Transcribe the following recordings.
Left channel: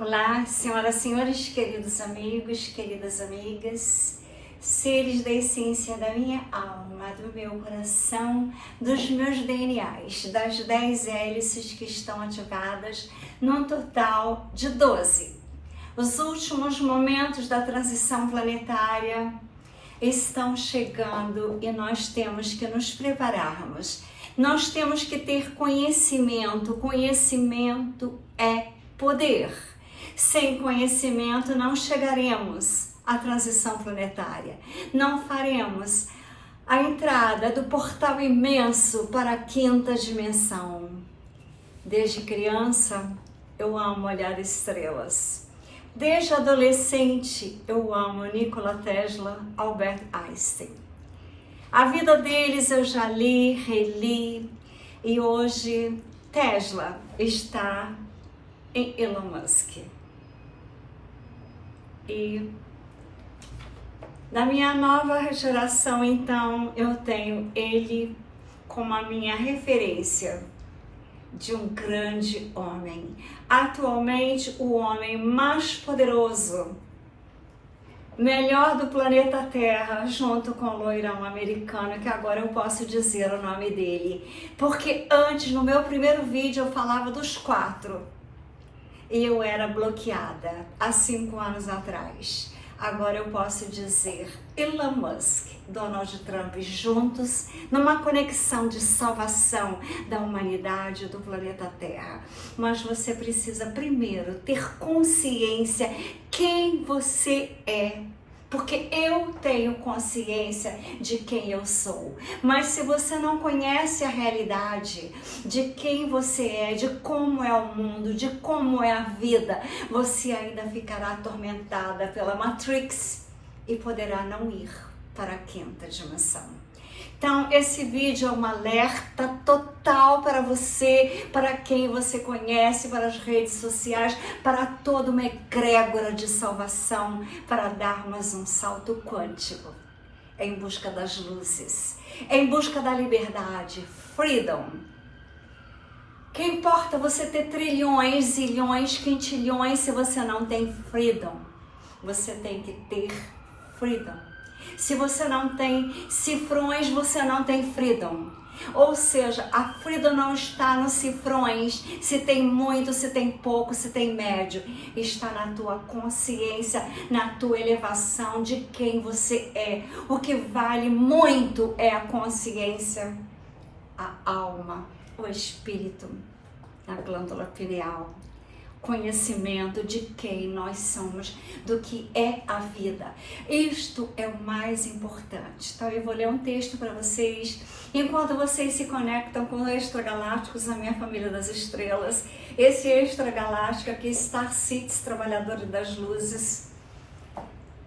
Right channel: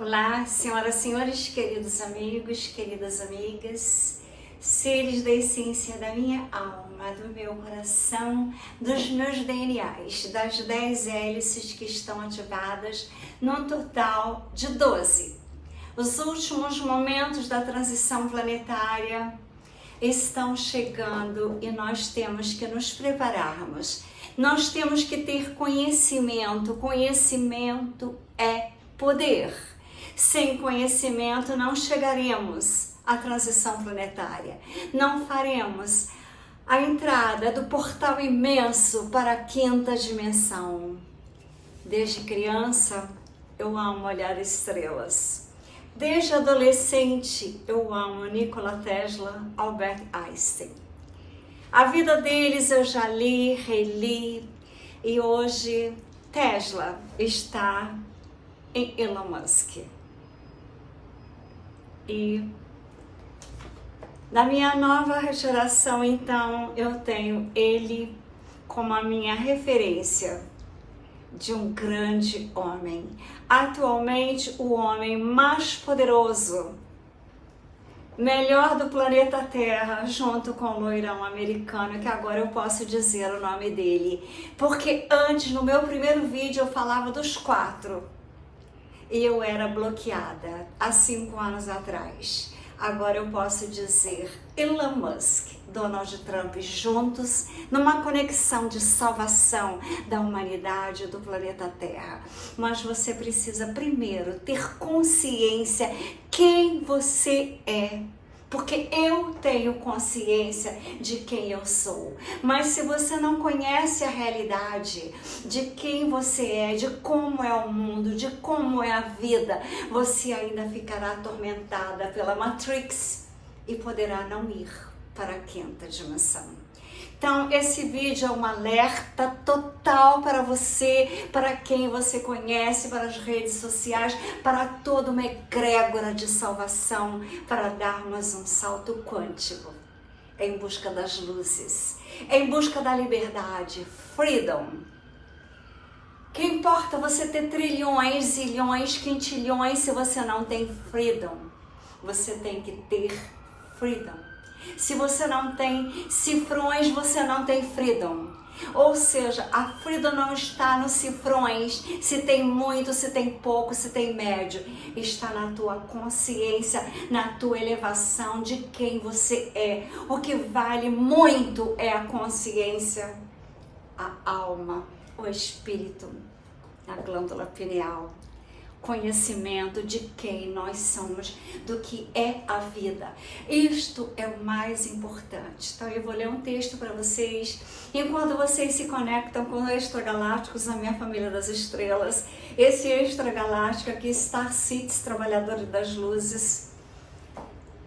Olá, senhoras e senhores, queridos amigos, queridas amigas, seres da essência da minha alma, do meu coração, dos meus DNAs, das 10 hélices que estão ativadas num total de 12. Os últimos momentos da transição planetária estão chegando e nós temos que nos prepararmos. Nós temos que ter conhecimento. Conhecimento é poder. Sem conhecimento não chegaremos à transição planetária. Não faremos a entrada do portal imenso para a quinta dimensão. Desde criança eu amo olhar estrelas. Desde adolescente eu amo Nikola Tesla, Albert Einstein. A vida deles eu já li, reli e hoje Tesla está em Elon Musk. E na minha nova geração, então, eu tenho ele como a minha referência de um grande homem. Atualmente, o homem mais poderoso, melhor do planeta Terra, junto com o loirão americano, que agora eu posso dizer o nome dele. Porque antes, no meu primeiro vídeo, eu falava dos 4. E eu era bloqueada há 5 anos atrás. Agora eu posso dizer Elon Musk, Donald Trump juntos numa conexão de salvação da humanidade do planeta Terra. Mas você precisa primeiro ter consciência quem você é. Porque eu tenho consciência de quem eu sou. Mas se você não conhece a realidade de quem você é, de como é o mundo, de como é a vida, você ainda ficará atormentada pela Matrix e poderá não ir para a quinta dimensão. Então, esse vídeo é um alerta total para você, para quem você conhece, para as redes sociais, para toda uma egrégora de salvação, para darmos um salto quântico em busca das luzes, em busca da liberdade, freedom. Que importa você ter trilhões, zilhões, quintilhões se você não tem freedom? Você tem que ter freedom. Se você não tem cifrões, você não tem freedom. Ou seja, a freedom não está nos cifrões, se tem muito, se tem pouco, se tem médio. Está na tua consciência, na tua elevação de quem você é. O que vale muito é a consciência, a alma, o espírito, a glândula pineal. Conhecimento de quem nós somos, do que é a vida. Isto é o mais importante. Então eu vou ler um texto para vocês, enquanto vocês se conectam com os extragalácticos, a minha família das estrelas, esse extragaláctico aqui, Star Seeds, Trabalhadores das Luzes,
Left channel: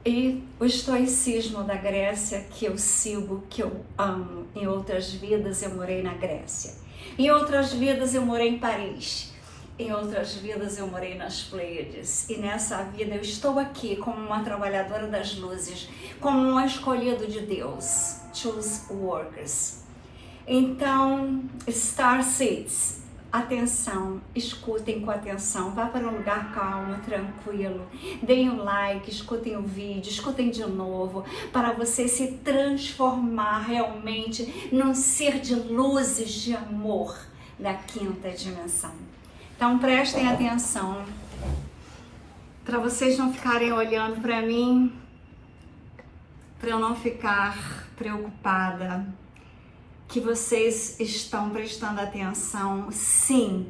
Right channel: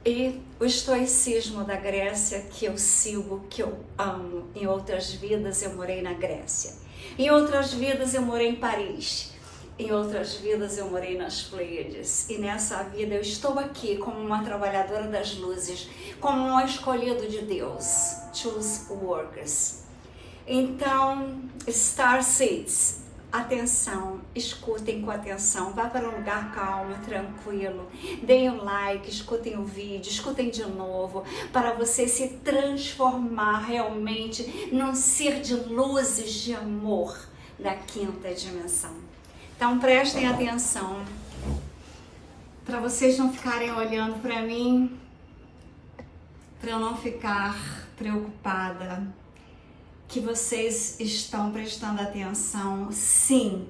e o estoicismo da Grécia, que eu sigo, que eu amo. Em outras vidas eu morei na Grécia, em outras vidas eu morei em Paris, em outras vidas eu morei nas Pleiades, e nessa vida eu estou aqui como uma trabalhadora das luzes, como um escolhido de Deus, choose workers. Então, Star Seeds, atenção, escutem com atenção, vá para um lugar calmo, tranquilo, deem um like, escutem o vídeo, escutem de novo, para você se transformar realmente num ser de luzes, de amor da quinta dimensão. Então prestem atenção, para vocês não ficarem olhando para mim, para eu não ficar preocupada, que vocês estão prestando atenção, sim,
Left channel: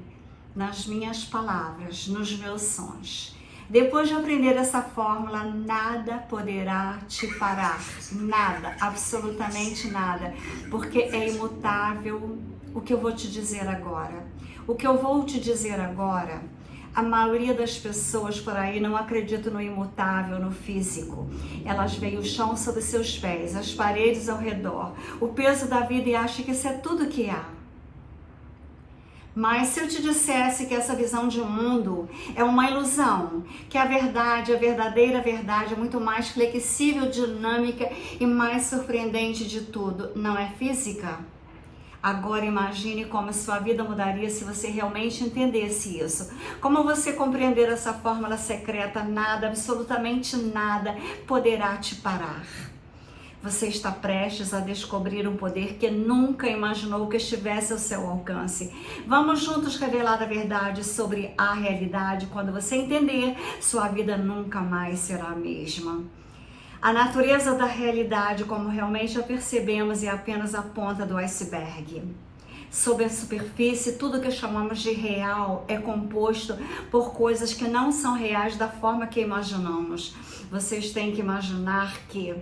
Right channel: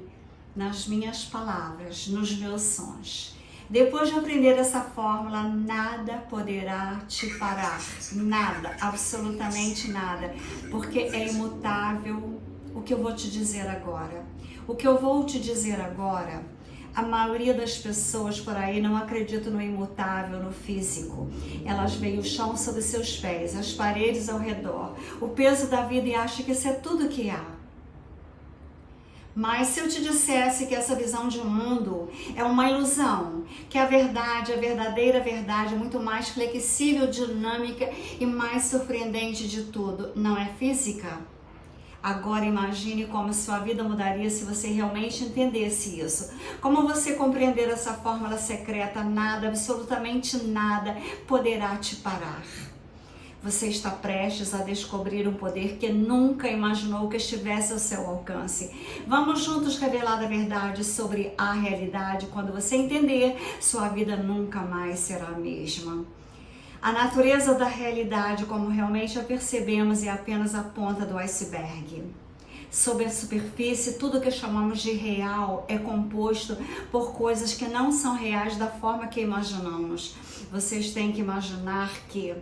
nas minhas palavras, nos meus sons. Depois de aprender essa fórmula, nada poderá te parar, nada, absolutamente nada, porque é imutável o que eu vou te dizer agora. O que eu vou te dizer agora, a maioria das pessoas por aí não acredita no imutável, no físico. Elas veem o chão sob seus pés, as paredes ao redor, o peso da vida e acham que isso é tudo que há. Mas se eu te dissesse que essa visão de mundo é uma ilusão, que a verdade, a verdadeira verdade é muito mais flexível, dinâmica e mais surpreendente de tudo, não é física? Agora imagine como a sua vida mudaria se você realmente entendesse isso. Como você compreender essa fórmula secreta, nada, absolutamente nada, poderá te parar. Você está prestes a descobrir um poder que nunca imaginou que estivesse ao seu alcance. Vamos juntos revelar a verdade sobre a realidade. Quando você entender, sua vida nunca mais será a mesma. A natureza da realidade, como realmente a percebemos, é apenas a ponta do iceberg. Sob a superfície, tudo que chamamos de real é composto por coisas que não são reais da forma que imaginamos. Vocês têm que imaginar que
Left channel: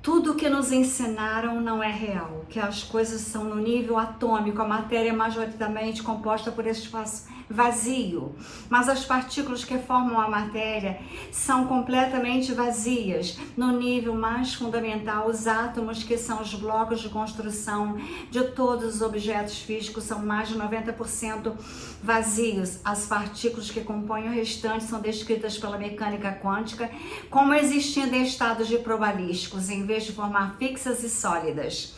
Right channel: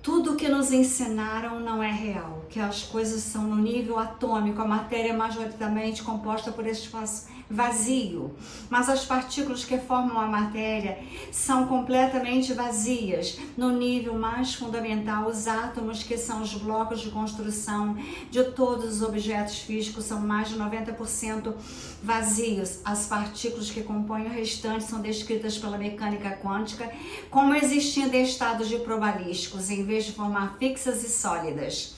tudo que nos ensinaram não é real, que as coisas são no nível atômico, a matéria é majoritariamente composta por espaço vazio, mas as partículas que formam a matéria são completamente vazias. No nível mais fundamental, os átomos, que são os blocos de construção de todos os objetos físicos, são mais de 90% vazios. As partículas que compõem o restante são descritas pela mecânica quântica como existindo em estados de probabilísticos, em vez de formar fixas e sólidas.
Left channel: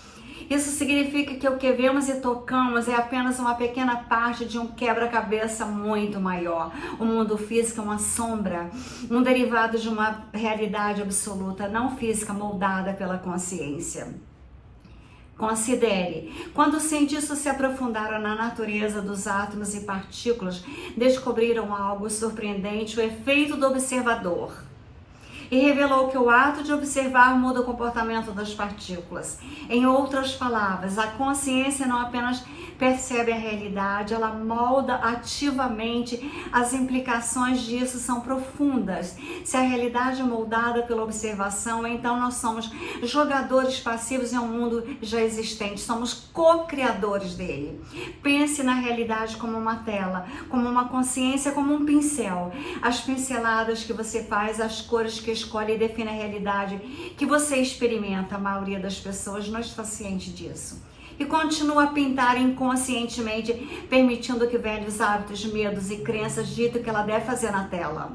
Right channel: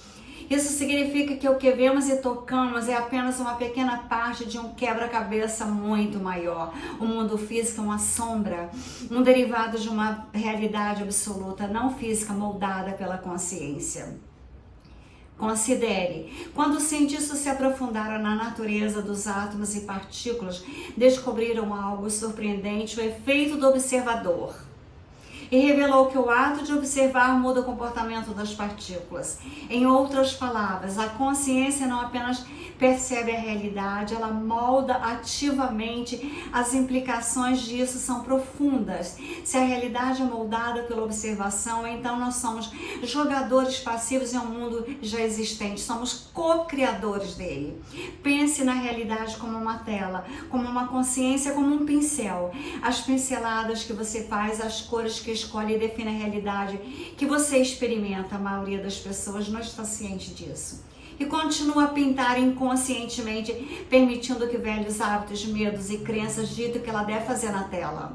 Isso significa que o que vemos e tocamos é apenas uma pequena parte de um quebra-cabeça muito maior. O mundo físico é uma sombra, um derivado de uma realidade absoluta, não física, moldada pela consciência. Considere, quando os cientistas se aprofundaram na natureza dos átomos e partículas, descobriram algo surpreendente, o efeito do observador. E revelou que o ato de observar muda o comportamento das partículas. Em outras palavras, a consciência não apenas percebe a realidade, ela molda ativamente. As implicações disso são profundas. Se a realidade é moldada pela observação, então nós somos jogadores passivos em um mundo já existente, somos co-criadores dele. Pense na realidade como uma tela, como uma consciência, como um pincel. As pinceladas que você faz, as cores que escolhe e define a realidade que você experimenta. A maioria das pessoas não está ciente disso e continua a pintar inconscientemente, permitindo que velhos hábitos, medos e crenças ditam que ela deve fazer na tela.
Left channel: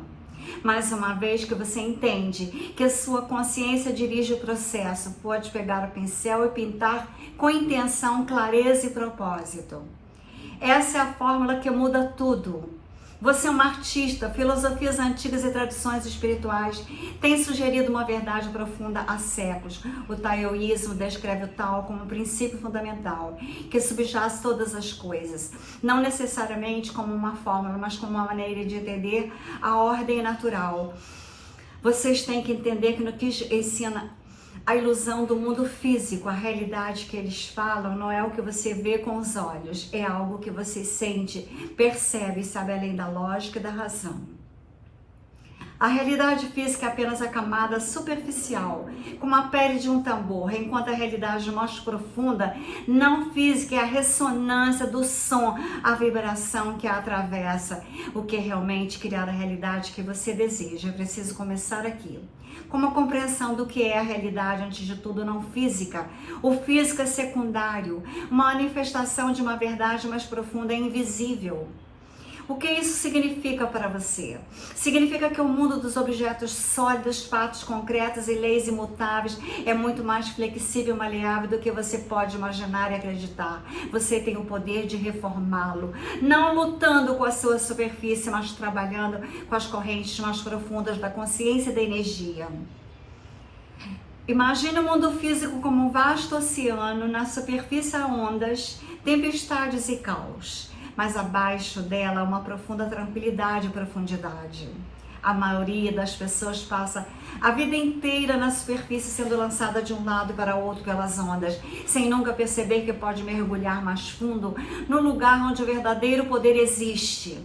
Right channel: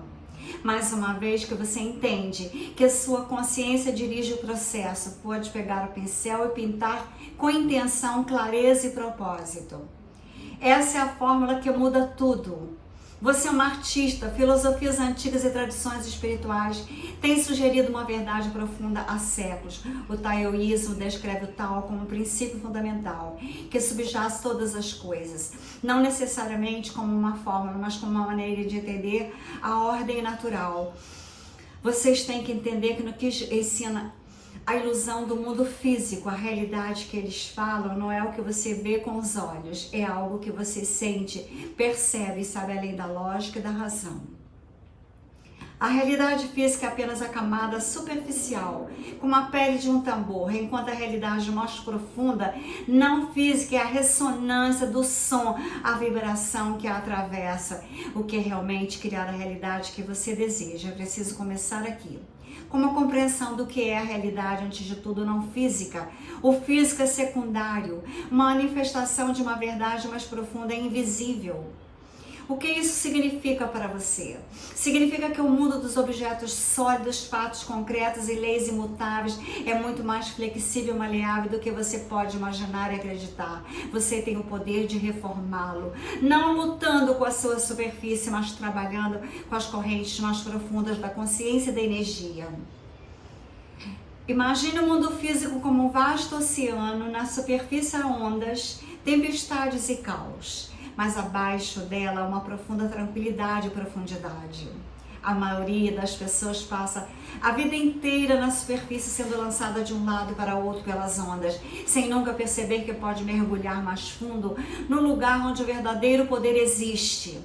Mais uma vez que você entende que a sua consciência dirige o processo, pode pegar o pincel e pintar com intenção, clareza e propósito. Essa é a fórmula que muda tudo. Você é uma artista, filosofias antigas e tradições espirituais têm sugerido uma verdade profunda há séculos. O taoísmo descreve o Tao como um princípio fundamental, que subjaz todas as coisas, não necessariamente como uma fórmula, mas como uma maneira de entender a ordem natural. Vocês têm que entender que no que ensina a ilusão do mundo físico, a realidade que eles falam, não é o que você vê com os olhos, é algo que você sente, percebe e sabe além da lógica e da razão. A realidade física é apenas a camada superficial, como a pele de um tambor, enquanto a realidade mais profunda, não física, é a ressonância do som, a vibração que a atravessa, o que é realmente criar a realidade que você deseja. Eu preciso começar aqui. Com uma compreensão do que é a realidade, antes de tudo, não física. O físico é secundário, uma manifestação de uma verdade mais profunda, é invisível. O que isso significa para você? Significa que o mundo dos objetos sólidos, fatos concretos e leis imutáveis é muito mais flexível e maleável do que você pode imaginar e acreditar. Você tem o poder de reformá-lo, não lutando com a sua superfície, mas trabalhando com as correntes mais profundas da consciência e da energia. Imagine o mundo físico como um vasto oceano, na superfície há ondas, tempestades e caos. Mas abaixo dela há uma profunda tranquilidade e profundidade. A maioria das pessoas passa a vida inteira na superfície, sendo lançada de um lado para o outro pelas ondas, sem nunca perceber que pode mergulhar mais fundo no lugar onde o verdadeiro poder existe.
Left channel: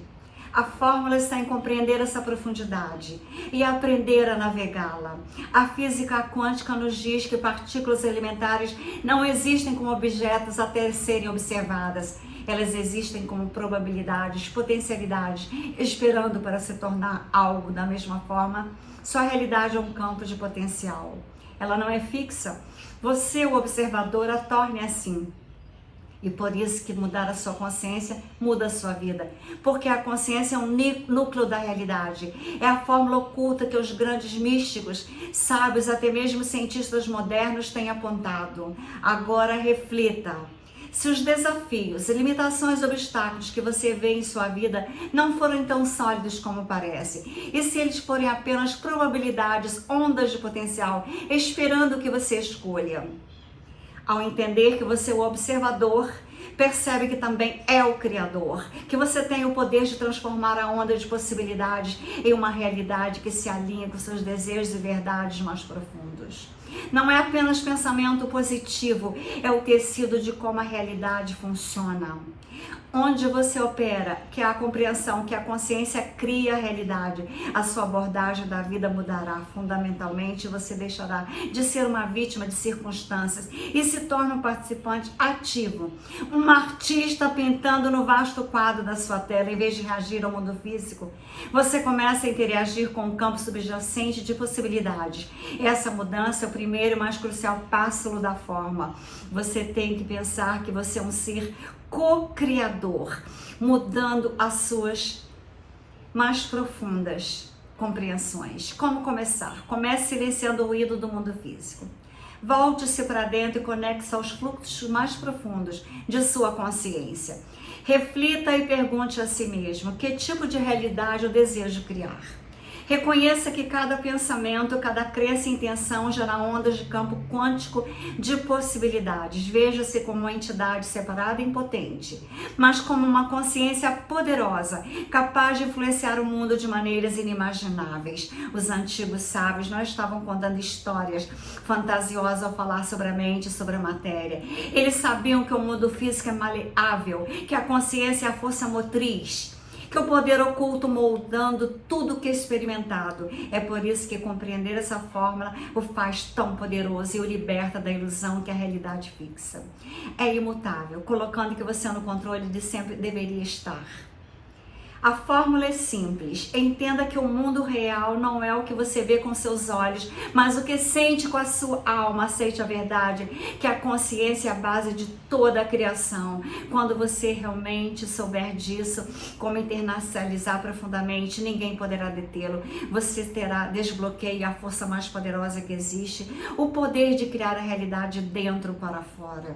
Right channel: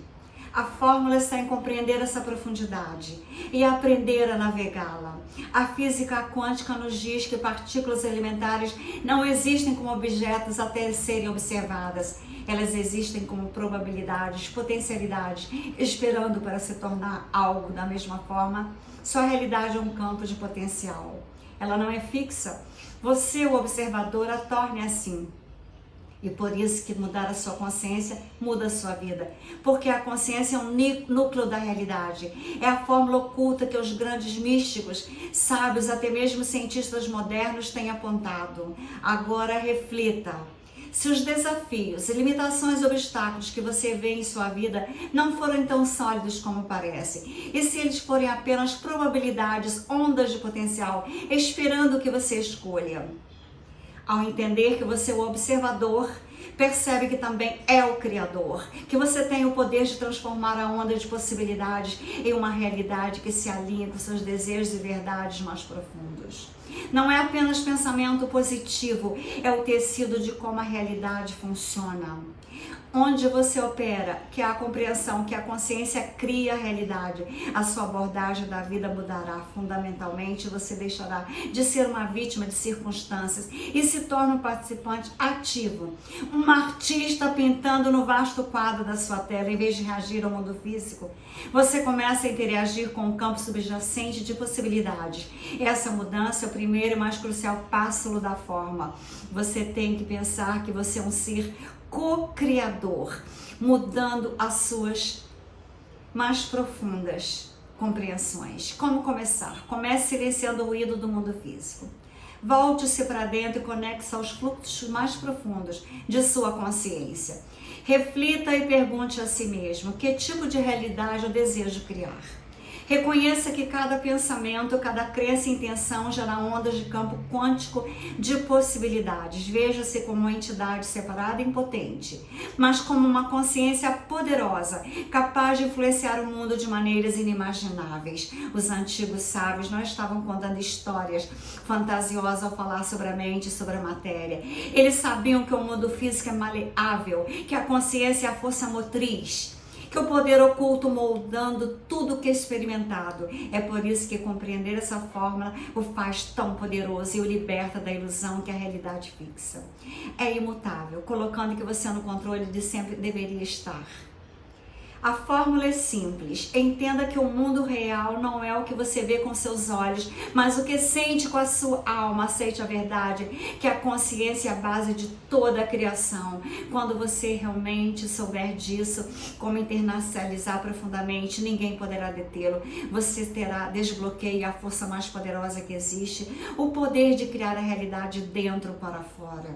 A fórmula está em compreender essa profundidade e aprender a navegá-la. A física quântica nos diz que partículas elementares não existem como objetos até serem observadas. Elas existem como probabilidades, potencialidades, esperando para se tornar algo. Da mesma forma, sua realidade é um campo de potencial. Ela não é fixa. Você, o observador, a torne assim. E por isso que mudar a sua consciência muda a sua vida. Porque a consciência é um núcleo da realidade. É a fórmula oculta que os grandes místicos, sábios, até mesmo cientistas modernos têm apontado. Agora reflita. Se os desafios, limitações e obstáculos que você vê em sua vida não forem tão sólidos como parece, e se eles forem apenas probabilidades, ondas de potencial, esperando que você escolha. Ao entender que você é o observador, percebe que também é o criador, que você tem o poder de transformar a onda de possibilidades em uma realidade que se alinha com seus desejos e verdades mais profundos. Não é apenas pensamento positivo, é o tecido de como a realidade funciona. Onde você opera, que é a compreensão que a consciência cria a realidade, a sua abordagem da vida mudará fundamentalmente. Você deixará de ser uma vítima de circunstâncias e se torna um participante ativo, um artista pintando no vasto quadro da sua tela, em vez de reagir ao mundo físico. Você começa a interagir com o campo subjacente de possibilidades. Essa mudança é o primeiro e mais crucial passo da forma. Você tem que pensar que você é um ser co-criador, mudando as suas mais profundas compreensões. Como começar? Comece silenciando o ruído do mundo físico. Volte-se para dentro e conecte-se aos fluxos mais profundos de sua consciência. Reflita e pergunte a si mesmo: que tipo de realidade eu desejo criar? Reconheça que cada pensamento, cada crença e intenção gera ondas de campo quântico de possibilidades. Veja-se como uma entidade separada e impotente, mas como uma consciência poderosa, capaz de influenciar o mundo de maneiras inimagináveis. Os antigos sábios não estavam contando histórias fantasiosas ao falar sobre a mente e sobre a matéria. Eles sabiam que o mundo físico é maleável, que a consciência é a força motriz, que o poder oculto moldando tudo que é experimentado. É por isso que compreender essa fórmula o faz tão poderoso e o liberta da ilusão que a realidade fixa. É imutável, colocando que você é no controle de sempre deveria estar. A fórmula é simples. Entenda que o mundo real não é o que você vê com seus olhos, mas o que sente com a sua alma. Aceite a verdade, que a consciência é a base de toda a criação. Quando você realmente souber disso, como internacionalizar profundamente, ninguém poderá detê-lo. Você terá desbloqueio a força mais poderosa que existe, o poder de criar a realidade dentro para fora.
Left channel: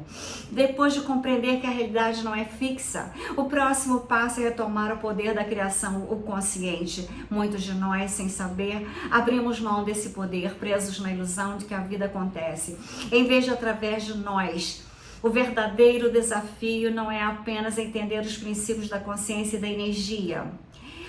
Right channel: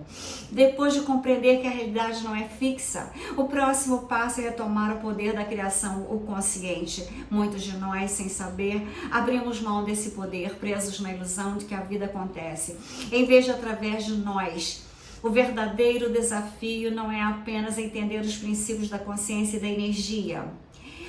Depois de compreender que a realidade não é fixa, o próximo passo é retomar o poder da criação, o consciente. Muitos de nós, sem saber, abrimos mão desse poder, presos na ilusão de que a vida acontece, em vez de através de nós. O verdadeiro desafio não é apenas entender os princípios da consciência e da energia,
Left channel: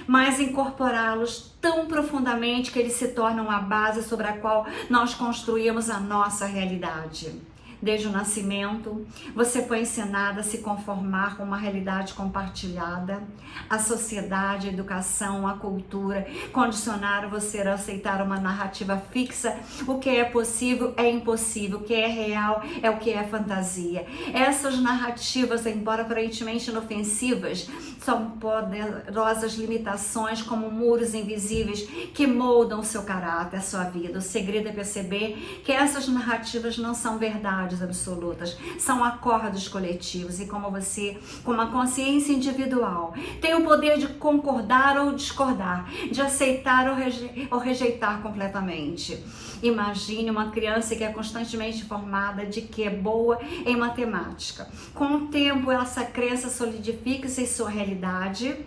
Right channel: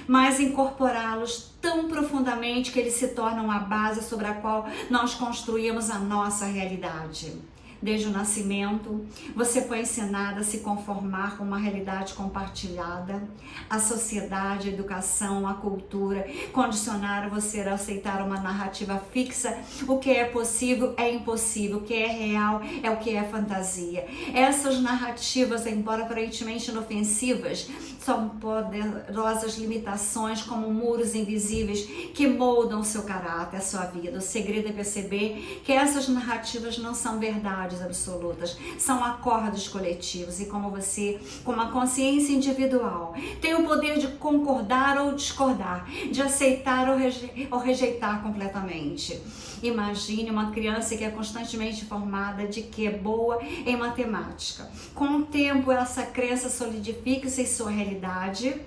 mas incorporá-los tão profundamente que eles se tornam a base sobre a qual nós construímos a nossa realidade. Desde o nascimento, você foi ensinada a se conformar com uma realidade compartilhada. A sociedade, a educação, a cultura condicionaram você a aceitar uma narrativa fixa. O que é possível é impossível, o que é real é o que é fantasia. Essas narrativas, embora aparentemente inofensivas, são poderosas limitações como muros invisíveis que moldam o seu caráter, a sua vida. O segredo é perceber que essas narrativas não são verdades absolutas, são acordos coletivos, e como você, com uma consciência individual, tem o poder de concordar ou discordar, de aceitar ou rejeitar completamente. Imagine uma criança que é constantemente informada de que é boa em matemática. Com o tempo, essa crença solidifica-se em sua realidade,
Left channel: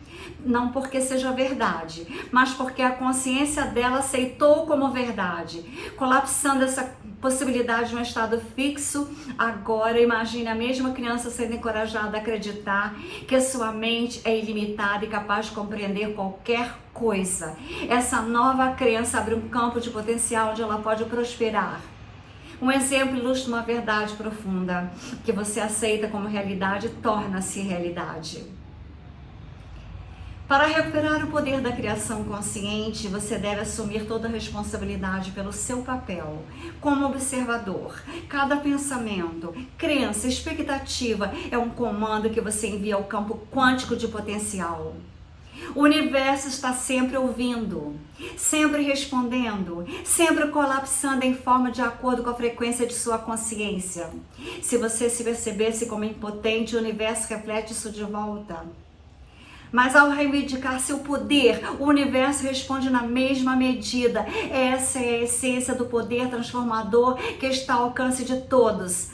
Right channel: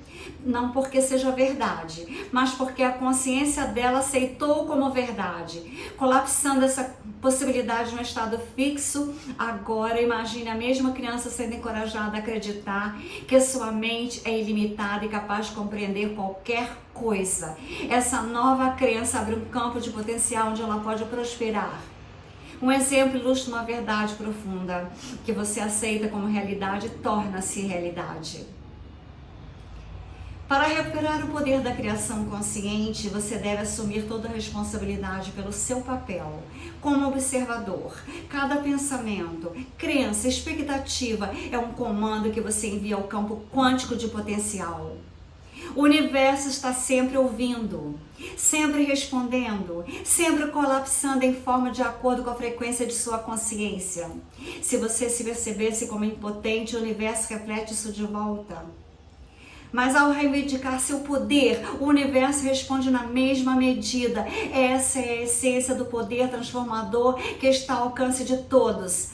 não porque seja verdade, mas porque a consciência dela aceitou como verdade, colapsando essa possibilidade de um estado fixo. Agora imagine a mesma criança sendo encorajada a acreditar que sua mente é ilimitada e capaz de compreender qualquer coisa. Essa nova crença abre um campo de potencial onde ela pode prosperar. Um exemplo ilustra uma verdade profunda: que você aceita como realidade torna-se realidade. Para recuperar o poder da criação consciente, você deve assumir toda a responsabilidade pelo seu papel como observador. Cada pensamento, crença, expectativa é um comando que você envia ao campo quântico de potencial. O universo está sempre ouvindo, sempre respondendo, sempre colapsando em forma de acordo com a frequência de sua consciência. Se você se percebesse como impotente, o universo reflete isso de volta. Mas ao reivindicar seu poder, o universo responde na mesma medida. Essa é a essência do poder transformador que está ao alcance de todos.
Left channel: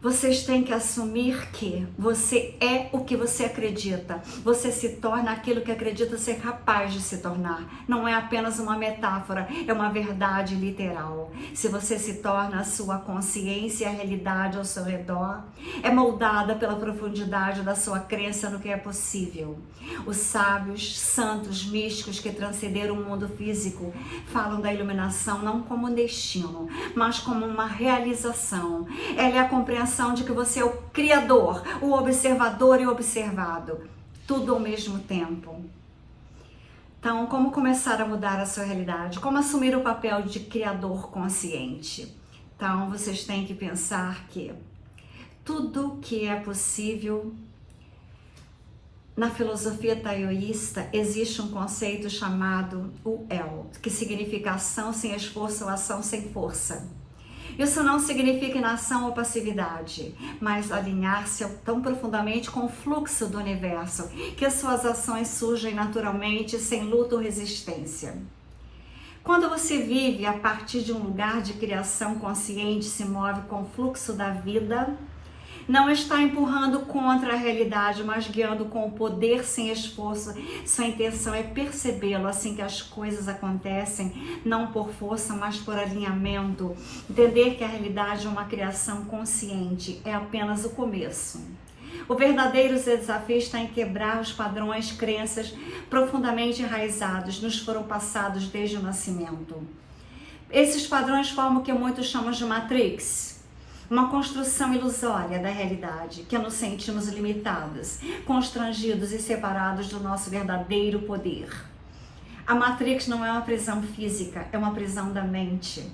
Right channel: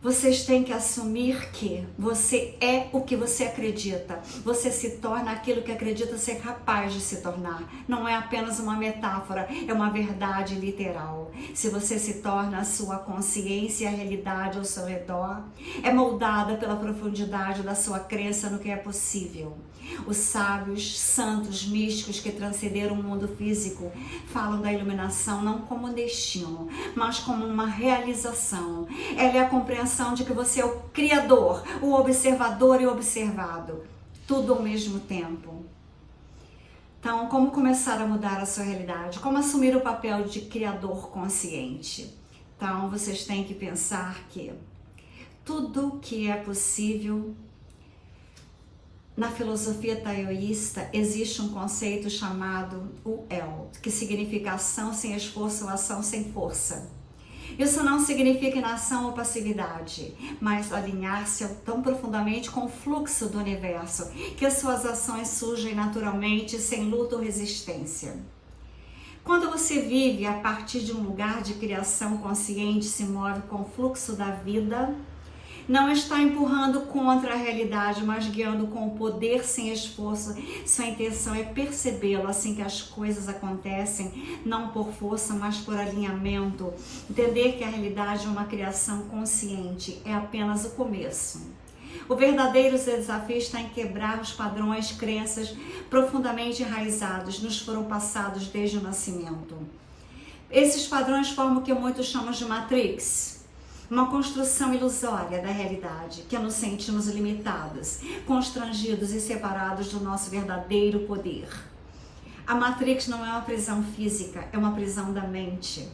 Vocês têm que assumir que você é o que você acredita. Você se torna aquilo que acredita ser capaz de se tornar. Não é apenas uma metáfora, é uma verdade literal. Se você se torna a sua consciência, a realidade ao seu redor é moldada pela profundidade da sua crença no que é possível. Os sábios, santos, místicos que transcenderam o mundo físico falam da iluminação não como um destino, mas como uma realização. Ela é a compreensão de que você é o criador, o observador e o observado, tudo ao mesmo tempo. Então, como começar a mudar a sua realidade? Como assumir o papel de criador consciente? Então, vocês têm que pensar que tudo que é possível. Na filosofia taoísta existe um conceito chamado o El, que significa ação sem esforço ou ação sem força. Isso não significa inação ou passividade, mas alinhar-se tão profundamente com o fluxo do universo, que as suas ações surgem naturalmente, sem luta ou resistência. Quando você vive a partir de um lugar de criação consciente, se move com o fluxo da vida, não está empurrando contra a realidade, mas guiando com o poder sem esforço. Sua intenção é percebê-lo assim que as coisas acontecem, não por força, mas por alinhamento. Entender que a realidade é uma criação consciente é apenas o começo. O verdadeiro desafio está em quebrar os padrões, crenças profundamente enraizados, nos foram passados desde o nascimento. Esses padrões formam o que muitos chamam de Matrix. Uma construção ilusória da realidade, que nos sentimos limitados, constrangidos e separados do nosso verdadeiro poder. A Matrix não é uma prisão física, é uma prisão da mente.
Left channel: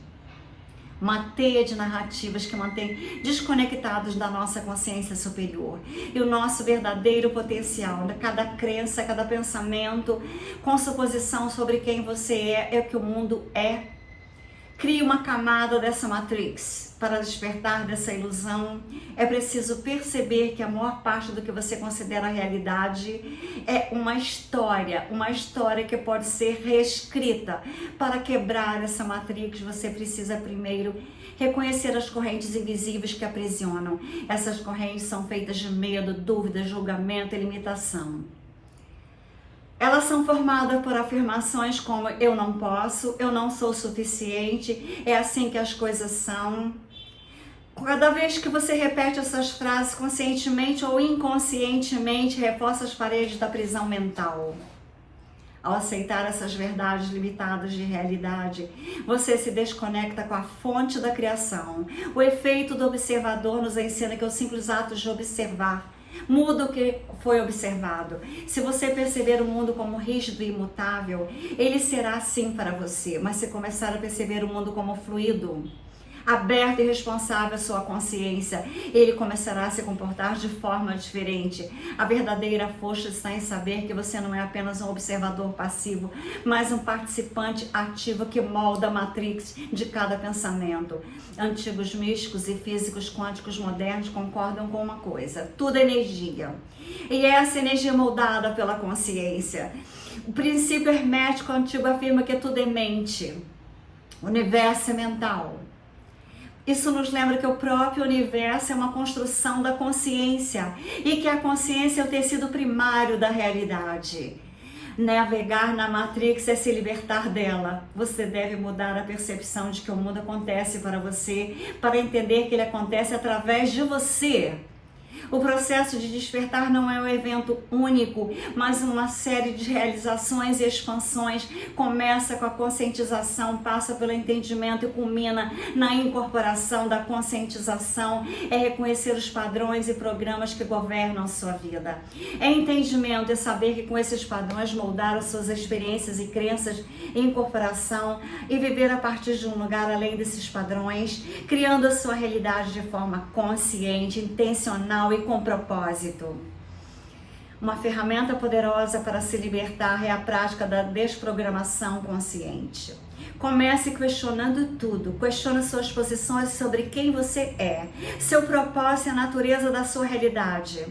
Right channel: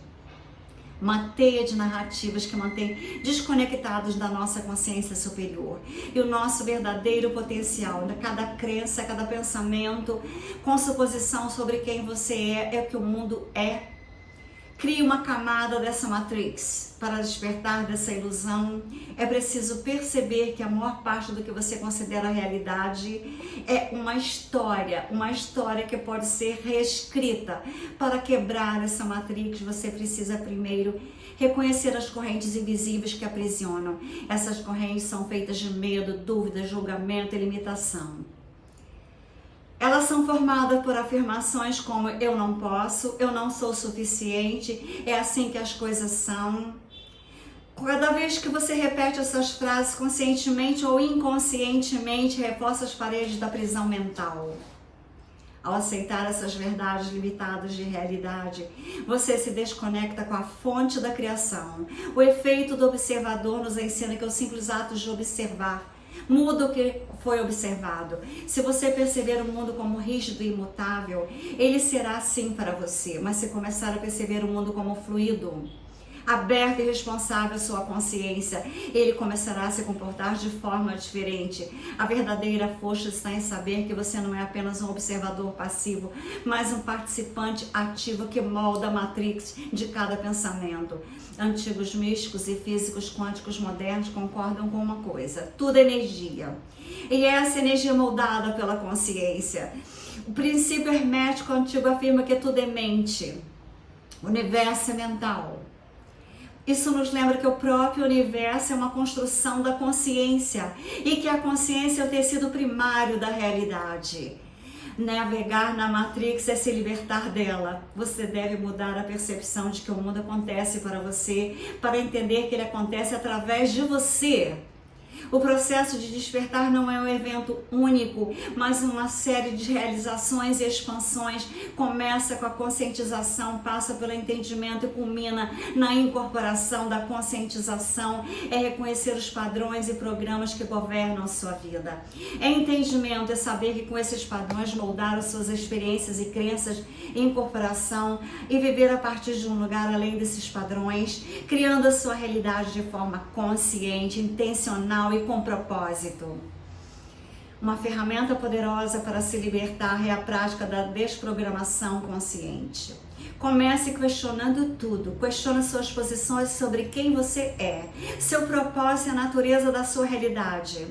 Uma teia de narrativas que mantém desconectados da nossa consciência superior. E o nosso verdadeiro potencial, cada crença, cada pensamento, com suposição sobre quem você é o que o mundo é. Crie uma camada dessa Matrix. Para despertar dessa ilusão, é preciso perceber que a maior parte do que você considera realidade é uma história que pode ser reescrita. Para quebrar essa Matrix, você precisa primeiro reconhecer as correntes invisíveis que aprisionam. Essas correntes são feitas de medo, dúvida, julgamento e limitação. Elas são formadas por afirmações como eu não posso, eu não sou suficiente, é assim que as coisas são. Cada vez que você repete essas frases conscientemente ou inconscientemente, reforça as paredes da prisão mental. Ao aceitar essas verdades limitadas de realidade, você se desconecta com a fonte da criação. O efeito do observador nos ensina que os simples atos de observar muda o que foi observado. Se você perceber o mundo como rígido e imutável, ele será assim para você. Mas se começar a perceber o mundo como fluido, aberto e responsável à sua consciência, ele começará a se comportar de forma diferente. A verdadeira força está em saber que você não é apenas um observador passivo, mas um participante ativo que molda a matrix de cada pensamento. Antigos místicos e físicos quânticos modernos concordam com uma coisa: tudo é energia. E essa energia é moldada pela consciência. O princípio hermético antigo afirma que tudo é mente. O universo é mental. Isso nos lembra que o próprio universo é uma construção da consciência e que a consciência é o tecido primário da realidade. Navegar na Matrix é se libertar dela. Você deve mudar a percepção de que o mundo acontece para você, para entender que ele acontece através de você. O processo de despertar não é um evento único, mas uma série de realizações e expansões. Começa com a conscientização, passa pelo entendimento e culmina na incorporação da conscientização. É reconhecer os padrões e programas que governam a sua vida. É entendimento, é saber que com esses padrões moldar as suas experiências e crenças, incorporação e viver a partir de um lugar além desses padrões, criando a sua realidade de forma consciente, intencional e com propósito. Uma ferramenta poderosa para se libertar é a prática da desprogramação consciente. Comece questionando tudo. Questione suas posições sobre quem você é, seu propósito e a natureza da sua realidade.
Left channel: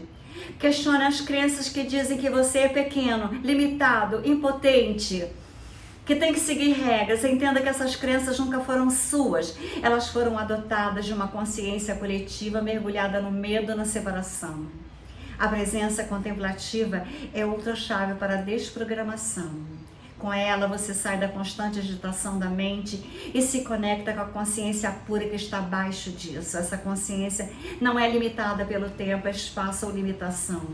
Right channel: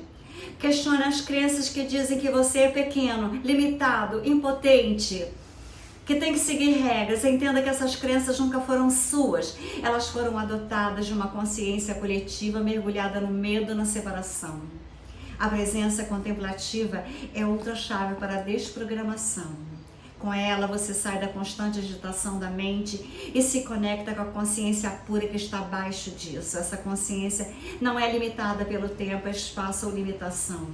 Questione as crenças que dizem que você é pequeno, limitado, impotente, que tem que seguir regras. Entenda que essas crenças nunca foram suas. Elas foram adotadas de uma consciência coletiva mergulhada no medo e na separação. A presença contemplativa é outra chave para a desprogramação. Com ela, você sai da constante agitação da mente e se conecta com a consciência pura que está abaixo disso. Essa consciência não é limitada pelo tempo, espaço ou limitação.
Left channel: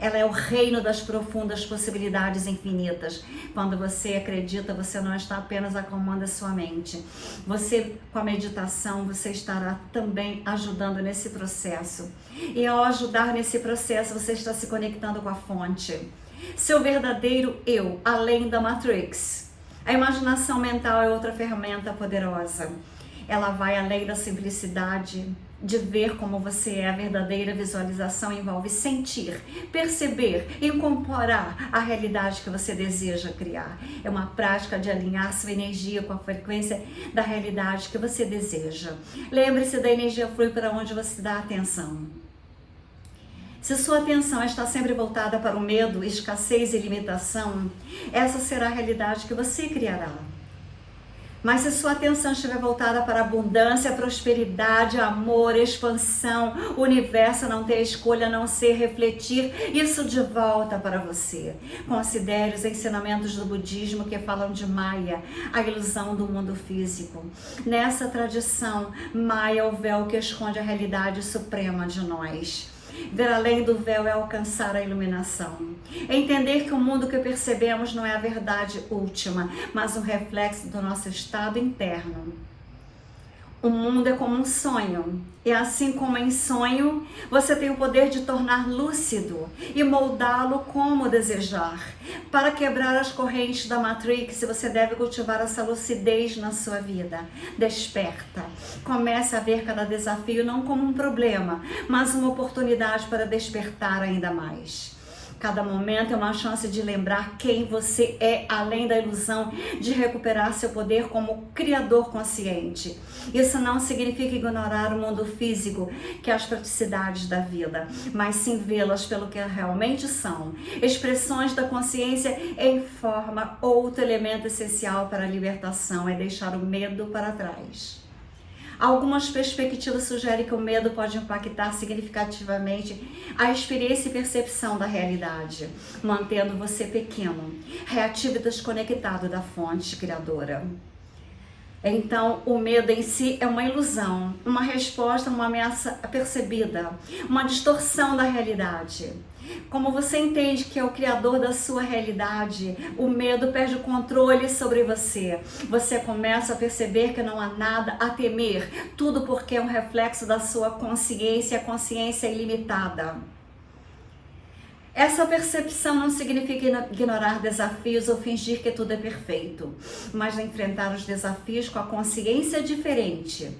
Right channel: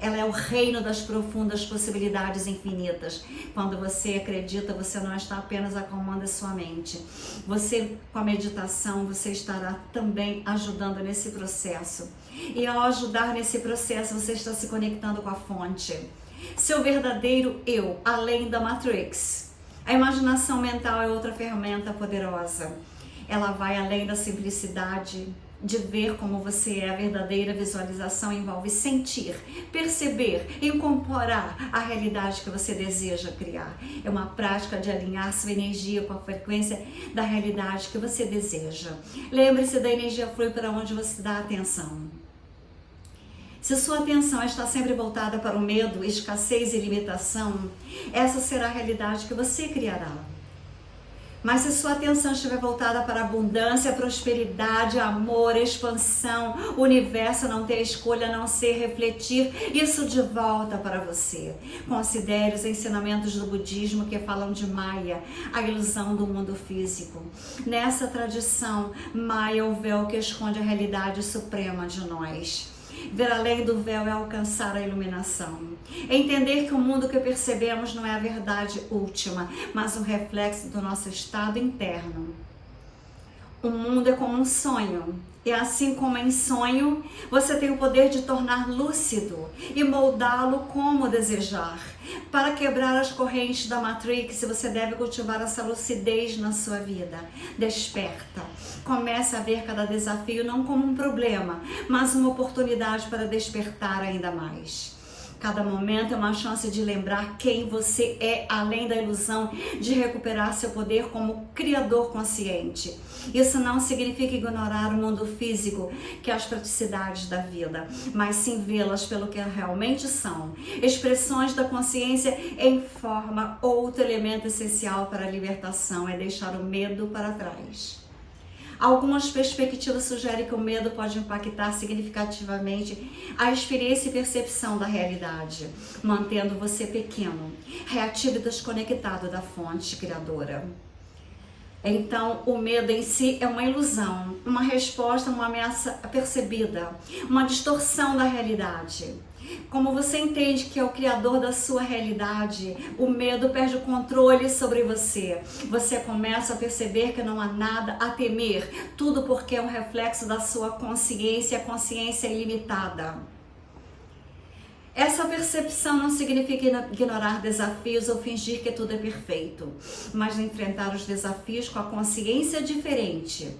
Ela é o reino das profundas possibilidades infinitas. Quando você acredita, você não está apenas acalmando a sua mente. Você, com a meditação, você estará também ajudando nesse processo. E ao ajudar nesse processo, você está se conectando com a fonte. Seu verdadeiro eu, além da Matrix. A imaginação mental é outra ferramenta poderosa. Ela vai além da simplicidade de ver como você é. A verdadeira visualização envolve sentir, perceber, incorporar a realidade que você deseja criar. É uma prática de alinhar sua energia com a frequência da realidade que você deseja. Lembre-se, da energia flui para onde você dá atenção. Se sua atenção está sempre voltada para o medo, escassez e limitação, essa será a realidade que você criará. Mas se sua atenção estiver voltada para a abundância, prosperidade, amor, expansão, o universo não tem escolha a não ser refletir isso de volta para você. Considere os ensinamentos do budismo que falam de Maya, a ilusão do mundo físico. Nessa tradição, Maya é o véu que esconde a realidade suprema de nós. Ver além do véu é alcançar a iluminação. Entender que o mundo que percebemos não é a verdade última, mas um reflexo do nosso estado interno. O mundo é como um sonho, e assim como em sonho, você tem o poder de tornar lúcido e moldá-lo como desejar. Para quebrar as correntes da Matrix, você deve cultivar essa lucidez na sua vida. Desperta. Comece a ver cada desafio não como um problema, mas uma oportunidade para despertar ainda mais. Cada momento é uma chance de lembrar quem você é, além da ilusão de recuperar seu poder como criador consciente. Isso não significa ignorar o mundo físico, que é as praticidades da vida, mas sim vê-las pelo que realmente são. Expressões da consciência em forma, outro elemento essencial para a libertação é deixar o medo para trás. Algumas perspectivas sugerem que o medo pode impactar significativamente a experiência e percepção da realidade, mantendo você pequeno, reativo e desconectado da fonte criadora. Então, o medo em si é uma ilusão, uma resposta a uma ameaça percebida, uma distorção da realidade. Como você entende que é o criador da sua realidade, o medo perde o controle sobre você. Você começa a perceber que não há nada a temer, tudo porque é um reflexo da sua consciência, a consciência é ilimitada. Essa percepção não significa ignorar desafios ou fingir que tudo é perfeito, mas enfrentar os desafios com a consciência diferente.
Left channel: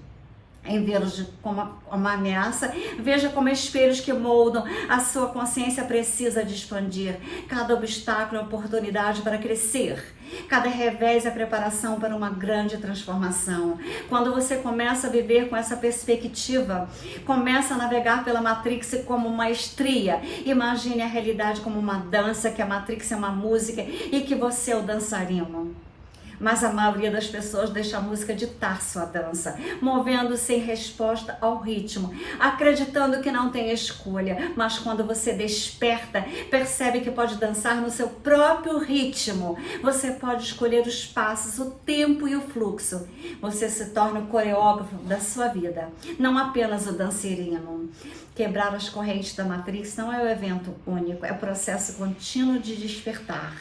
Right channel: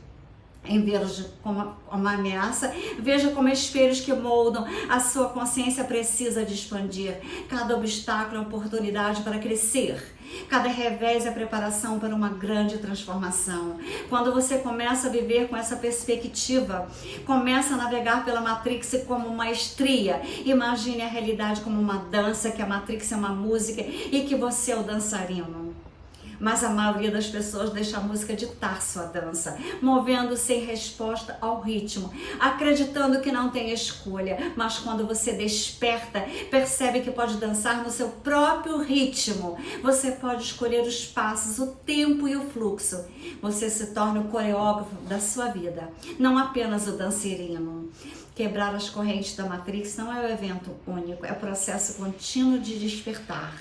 Em vê-los como uma ameaça, veja como espelhos que moldam a sua consciência precisa de expandir. Cada obstáculo é uma oportunidade para crescer. Cada revés é preparação para uma grande transformação. Quando você começa a viver com essa perspectiva, começa a navegar pela Matrix como uma estria. Imagine a realidade como uma dança, que a Matrix é uma música e que você é o dançarino. Mas a maioria das pessoas deixa a música ditar sua dança, movendo-se em resposta ao ritmo, acreditando que não tem escolha. Mas quando você desperta, percebe que pode dançar no seu próprio ritmo. Você pode escolher os passos, o tempo e o fluxo. Você se torna o coreógrafo da sua vida, não apenas o dançarino. Quebrar as correntes da Matrix não é um evento único, é um processo contínuo de despertar.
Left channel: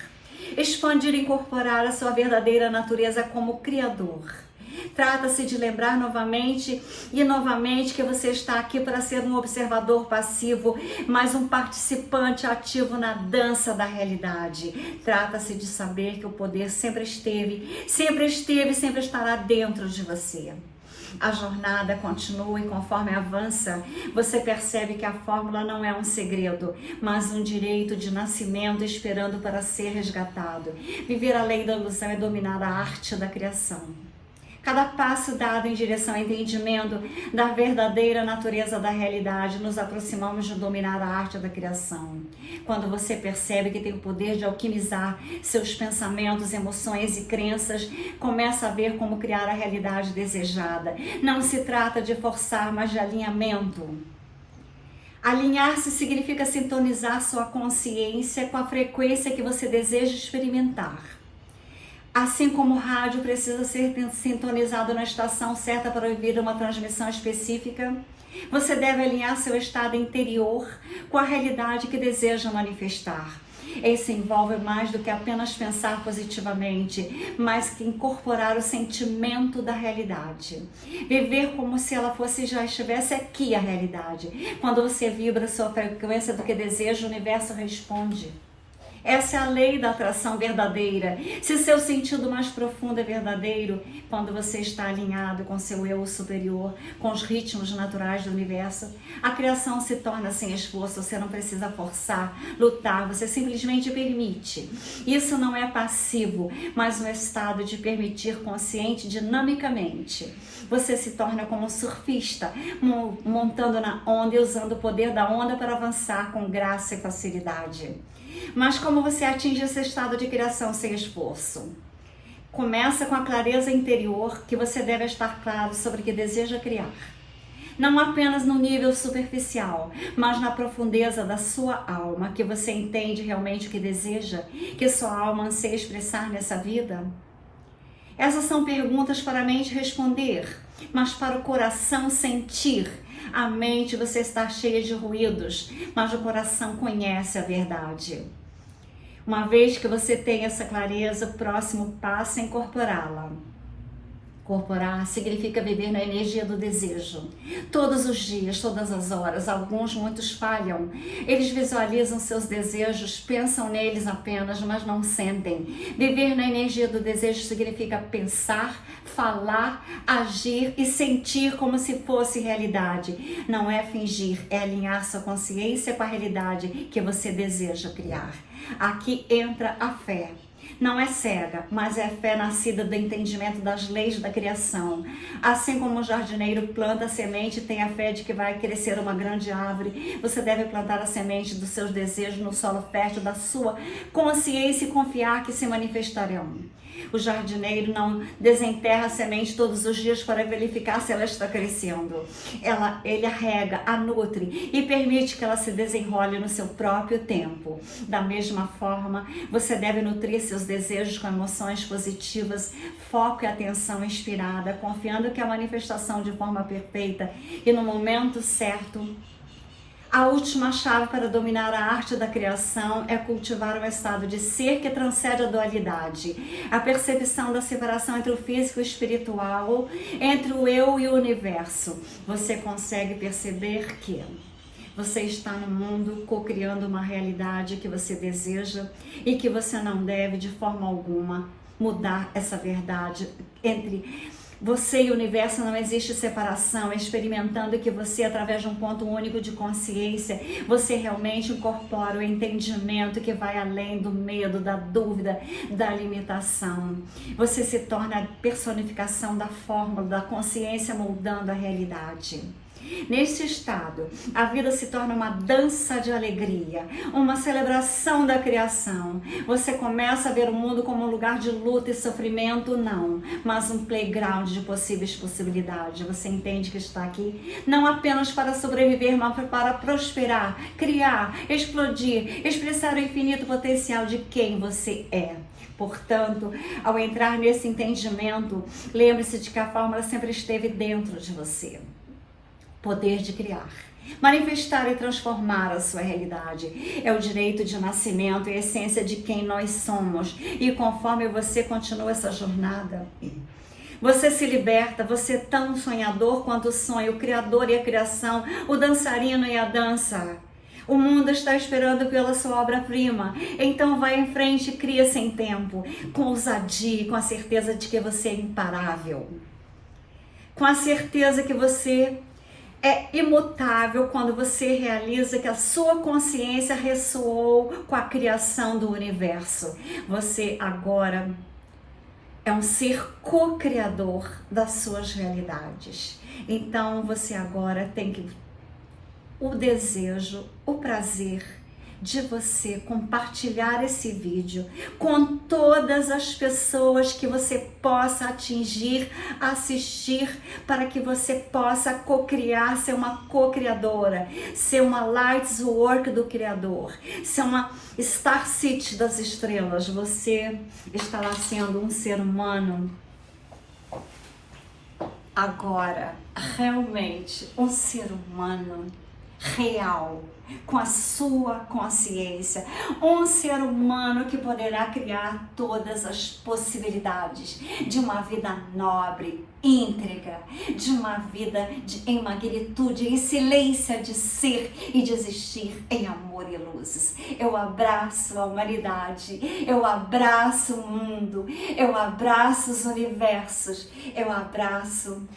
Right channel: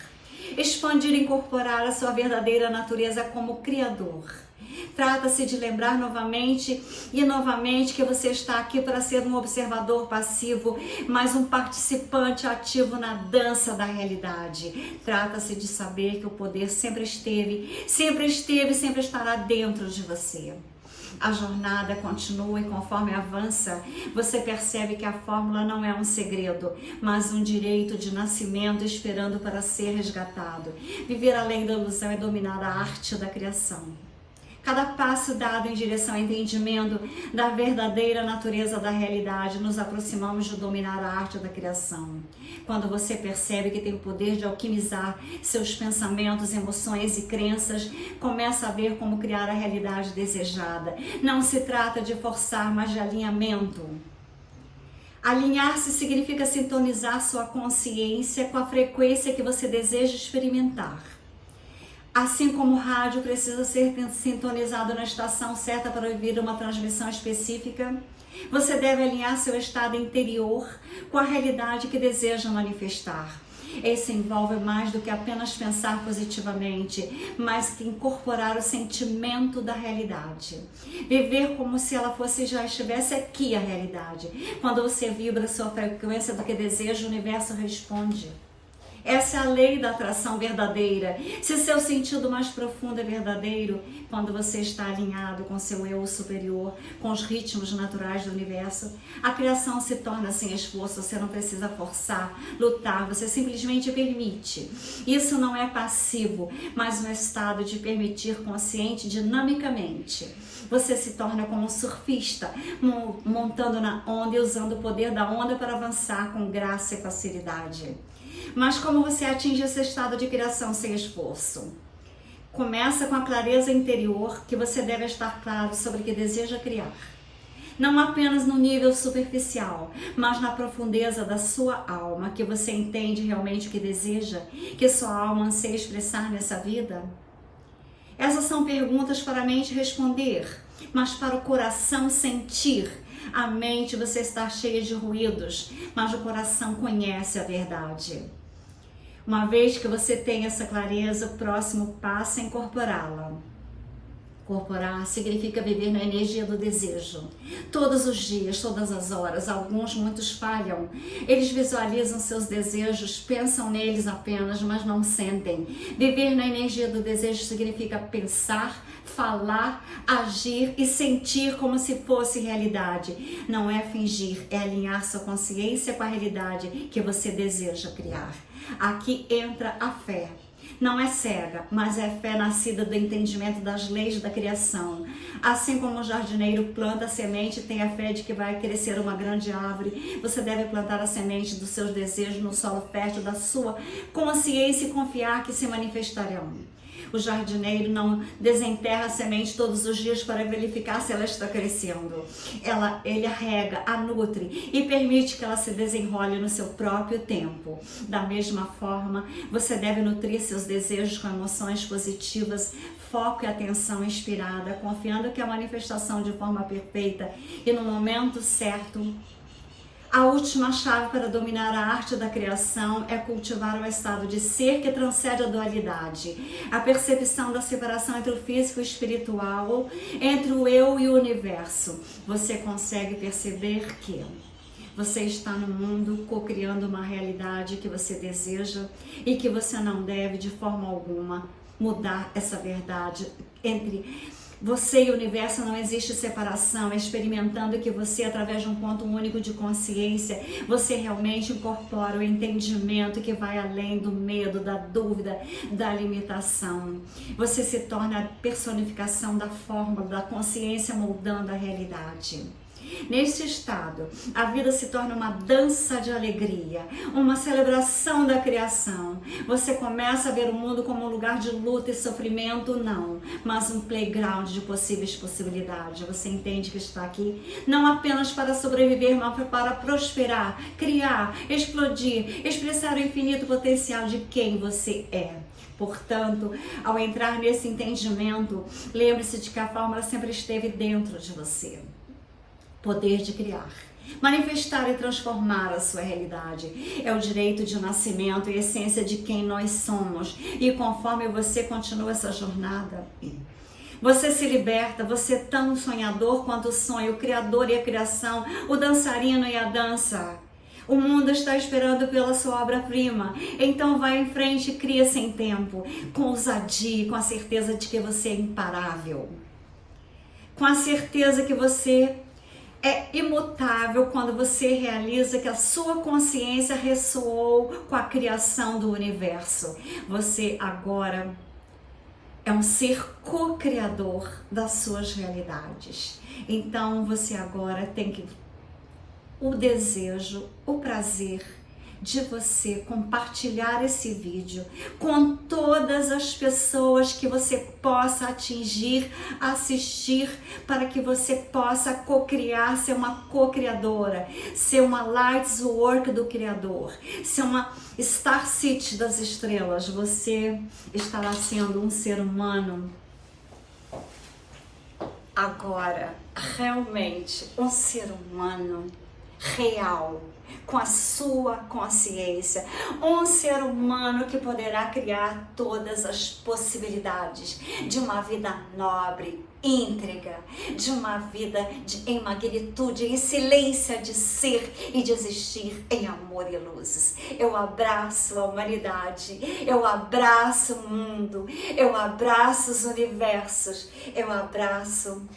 Expandir e incorporar a sua verdadeira natureza como criador. Trata-se de lembrar novamente e novamente que você está aqui para ser um observador passivo, mas um participante ativo na dança da realidade. Trata-se de saber que o poder sempre esteve e sempre estará dentro de você. a jornada continua e conforme avança, você percebe que a fórmula não é um segredo, mas um direito de nascimento esperando para ser resgatado. Viver além da ilusão é dominar a arte da criação. Cada passo dado em direção ao entendimento da verdadeira natureza da realidade, nos aproximamos de dominar a arte da criação. Quando você percebe que tem o poder de alquimizar seus pensamentos, emoções e crenças, começa a ver como criar a realidade desejada. Não se trata de forçar, mas de alinhamento. Alinhar-se significa sintonizar sua consciência com a frequência que você deseja experimentar. Assim como o rádio precisa ser sintonizado na estação certa para ouvir uma transmissão específica, você deve alinhar seu estado interior com a realidade que deseja manifestar. Isso envolve mais do que apenas pensar positivamente, mas que incorporar o sentimento da realidade. Viver como se ela fosse já estivesse aqui a realidade. Quando você vibra sua frequência do que deseja, o universo responde. Essa é a lei da atração verdadeira. Se seu sentido mais profundo é verdadeiro, quando você está alinhado com seu eu superior, com os ritmos naturais do universo, a criação se torna sem esforço. Você não precisa forçar, lutar, você simplesmente permite. Isso não é passivo, mas um estado de permitir consciente dinamicamente. Você se torna como um surfista, montando na onda e usando o poder da onda para avançar com graça e facilidade. Mas como você atinge esse estado de criação sem esforço? Começa com a clareza interior que você deve estar claro sobre o que deseja criar. Não apenas no nível superficial, mas na profundeza da sua alma, que você entende realmente o que deseja, que sua alma anseia expressar nessa vida. Essas são perguntas para a mente responder, mas para o coração sentir. A mente você está cheia de ruídos, mas o coração conhece a verdade. Uma vez que você tem essa clareza, o próximo passo é incorporá-la. Incorporar significa viver na energia do desejo. Todos os dias, todas as horas, muitos falham. Eles visualizam seus desejos, pensam neles apenas, mas não sentem. Viver na energia do desejo significa pensar, falar, agir e sentir como se fosse realidade. Não é fingir, é alinhar sua consciência com a realidade que você deseja criar. Aqui entra a fé. Não é cega, mas é fé nascida do entendimento das leis da criação. Assim como o jardineiro planta a semente e tem a fé de que vai crescer uma grande árvore, você deve plantar a semente dos seus desejos no solo fértil da sua consciência e confiar que se manifestarão. O jardineiro não desenterra a semente todos os dias para verificar se ela está crescendo. Ele a rega, a nutre e permite que ela se desenrole no seu próprio tempo. Da mesma forma, você deve nutrir seus desejos com emoções positivas, foco e atenção inspirada, confiando que a manifestação de forma perfeita e no momento certo. A última chave para dominar a arte da criação é cultivar um estado de ser que transcende a dualidade, a percepção da separação entre o físico e o espiritual, entre o eu e o universo. Você consegue perceber que você está no mundo co-criando uma realidade que você deseja e que você não deve de forma alguma mudar essa verdade entre você e o universo. Não existe separação, experimentando que você, através de um ponto único de consciência, você realmente incorpora o entendimento que vai além do medo, da dúvida, da limitação. Você se torna a personificação da fórmula, da consciência moldando a realidade. Neste estado, a vida se torna uma dança de alegria, uma celebração da criação. Você começa a ver o mundo como um lugar de luta e sofrimento, não, mas um playground de possíveis possibilidades. Você entende que está aqui não apenas para sobreviver, mas para prosperar, criar, explodir, expressar o infinito potencial de quem você é. Portanto, ao entrar nesse entendimento, lembre-se de que a fórmula sempre esteve dentro de você. Poder de criar, manifestar e transformar a sua realidade. É o direito de nascimento e a essência de quem nós somos. E conforme você continua essa jornada, você se liberta, você é tão sonhador quanto o sonho, o criador e a criação, o dançarino e a dança. O mundo está esperando pela sua obra-prima. Então vai em frente e cria sem tempo, com ousadia e com a certeza de que você é imparável. com a certeza que você é imutável quando você realiza que a sua consciência ressoou com a criação do universo. Você agora é um ser co-criador das suas realidades. Então você agora tem o desejo, o prazer de você compartilhar esse vídeo com todas as pessoas que você possa atingir, assistir, para que você possa co-criar, ser uma co-criadora, ser uma Lights Work do Criador, ser uma Star City das estrelas. Você estará sendo um ser humano agora, realmente um ser humano real, com a sua consciência, um ser humano que poderá criar todas as possibilidades de uma vida nobre, íntegra, de uma vida em magnitude, em silêncio de ser e de existir em amor e luzes. Eu abraço a humanidade, eu abraço o mundo, eu abraço os universos, eu abraço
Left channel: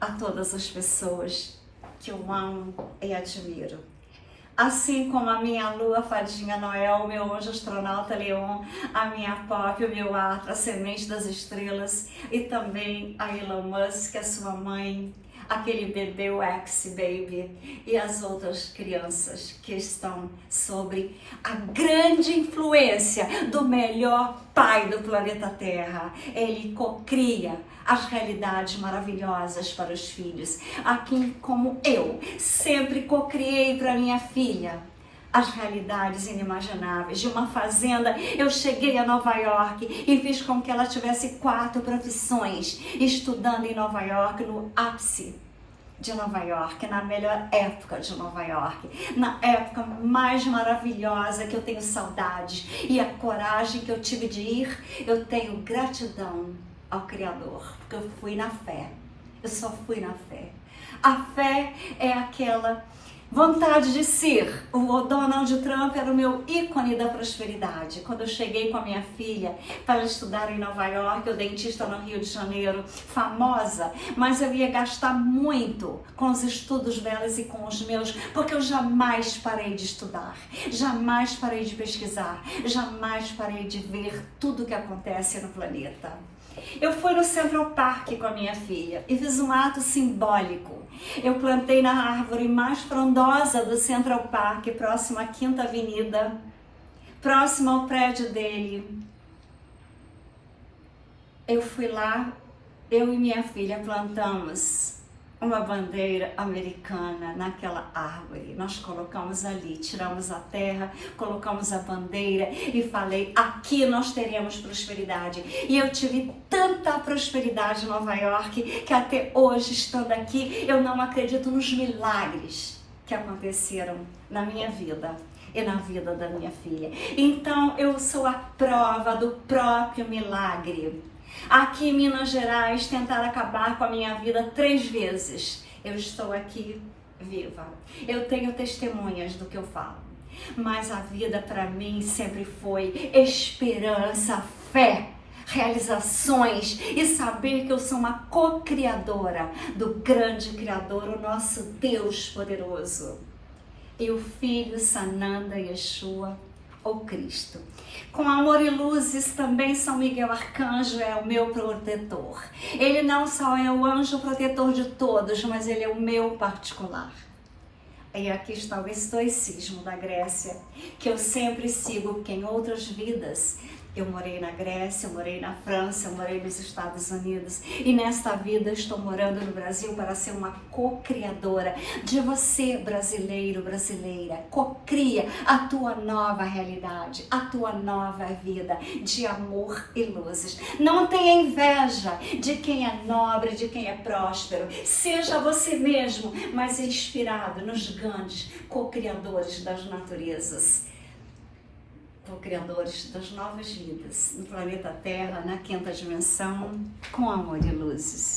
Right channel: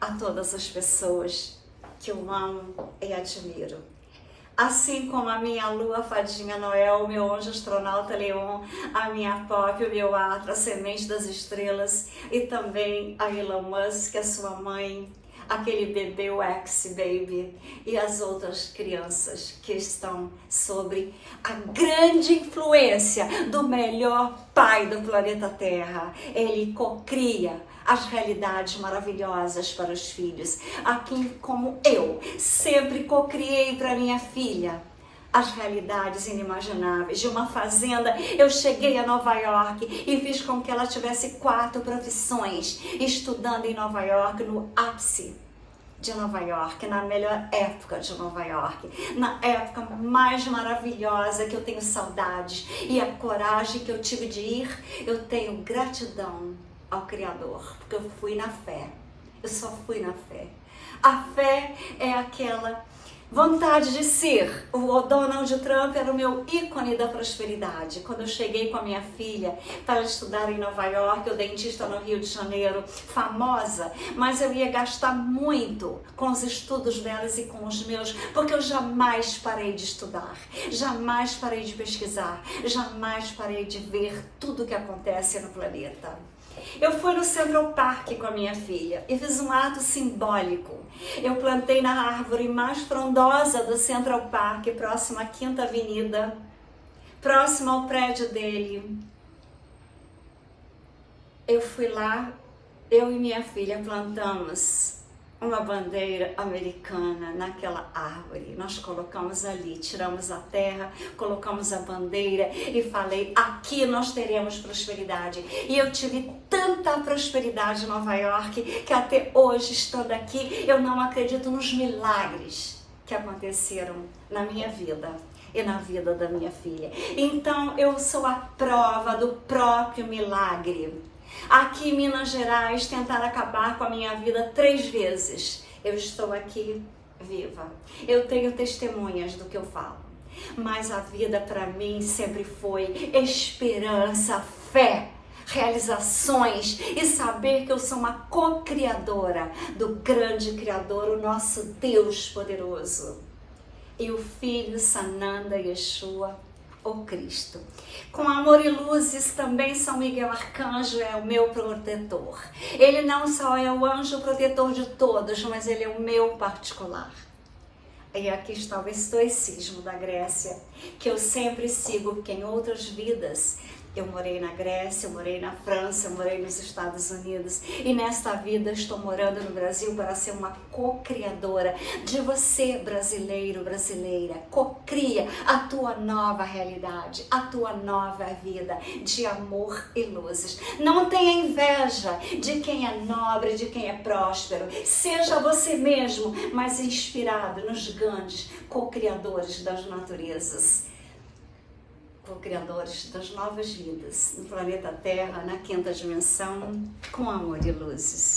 a todas as pessoas que eu amo e admiro. Assim como a minha lua fadinha Noel, o meu anjo astronauta Leon, a minha Pop, o meu Atra, a semente das estrelas, e também a Elon Musk, a sua mãe, aquele bebê, o X-Baby, e as outras crianças que estão sobre a grande influência do melhor pai do planeta Terra. Ele cocria as realidades maravilhosas para os filhos, assim como eu sempre cocriei para minha filha as realidades inimagináveis de uma fazenda. Eu cheguei a Nova York e fiz com que ela tivesse 4 profissões, estudando em Nova York, no ápice de Nova York, na melhor época de Nova York, na época mais maravilhosa que eu tenho saudades, e a coragem que eu tive de ir, eu tenho gratidão ao Criador, porque eu fui na fé, eu só fui na fé. A fé é aquela vontade de ser. O Donald Trump era o meu ícone da prosperidade. Quando eu cheguei com a minha filha para estudar em Nova York, o dentista no Rio de Janeiro, famosa, mas eu ia gastar muito com os estudos delas e com os meus, porque eu jamais parei de estudar, jamais parei de pesquisar, jamais parei de ver tudo o que acontece no planeta. Eu fui no Central Park com a minha filha e fiz um ato simbólico. Eu plantei na árvore mais frondosa do Central Park, próximo à 5ª Avenida, próximo ao prédio dele. Eu fui lá, eu e minha filha plantamos uma bandeira americana naquela árvore. Nós colocamos ali, tiramos a terra, colocamos a bandeira e falei, aqui nós teremos prosperidade. E eu tive tanta prosperidade em Nova York que até hoje, estando aqui, eu não acredito nos milagres que aconteceram na minha vida e na vida da minha filha. Então eu sou a prova do próprio milagre. Aqui em Minas Gerais tentaram acabar com a minha vida 3 vezes. Eu estou aqui viva. Eu tenho testemunhas do que eu falo. Mas a vida para mim sempre foi esperança, fé, realizações e saber que eu sou uma co-criadora do grande Criador, o nosso Deus poderoso. E o Filho Sananda Yeshua, o Cristo. Com amor e luzes, também São Miguel Arcanjo é o meu protetor. Ele não só é o anjo protetor de todos, mas ele é o meu particular. E aqui está o estoicismo da Grécia, que eu sempre sigo, porque em outras vidas eu morei na Grécia, eu morei na França, eu morei nos Estados Unidos, e nesta vida eu estou morando no Brasil para ser uma co-criadora de você, brasileiro, brasileira. Co-cria a tua nova realidade, a tua nova vida de amor e luzes. Não tenha inveja de quem é nobre, de quem é próspero. Seja você mesmo, mas inspirado nos grandes co-criadores das naturezas, co-criadores das novas vidas no planeta Terra, na 5ª dimensão, com amor e luzes.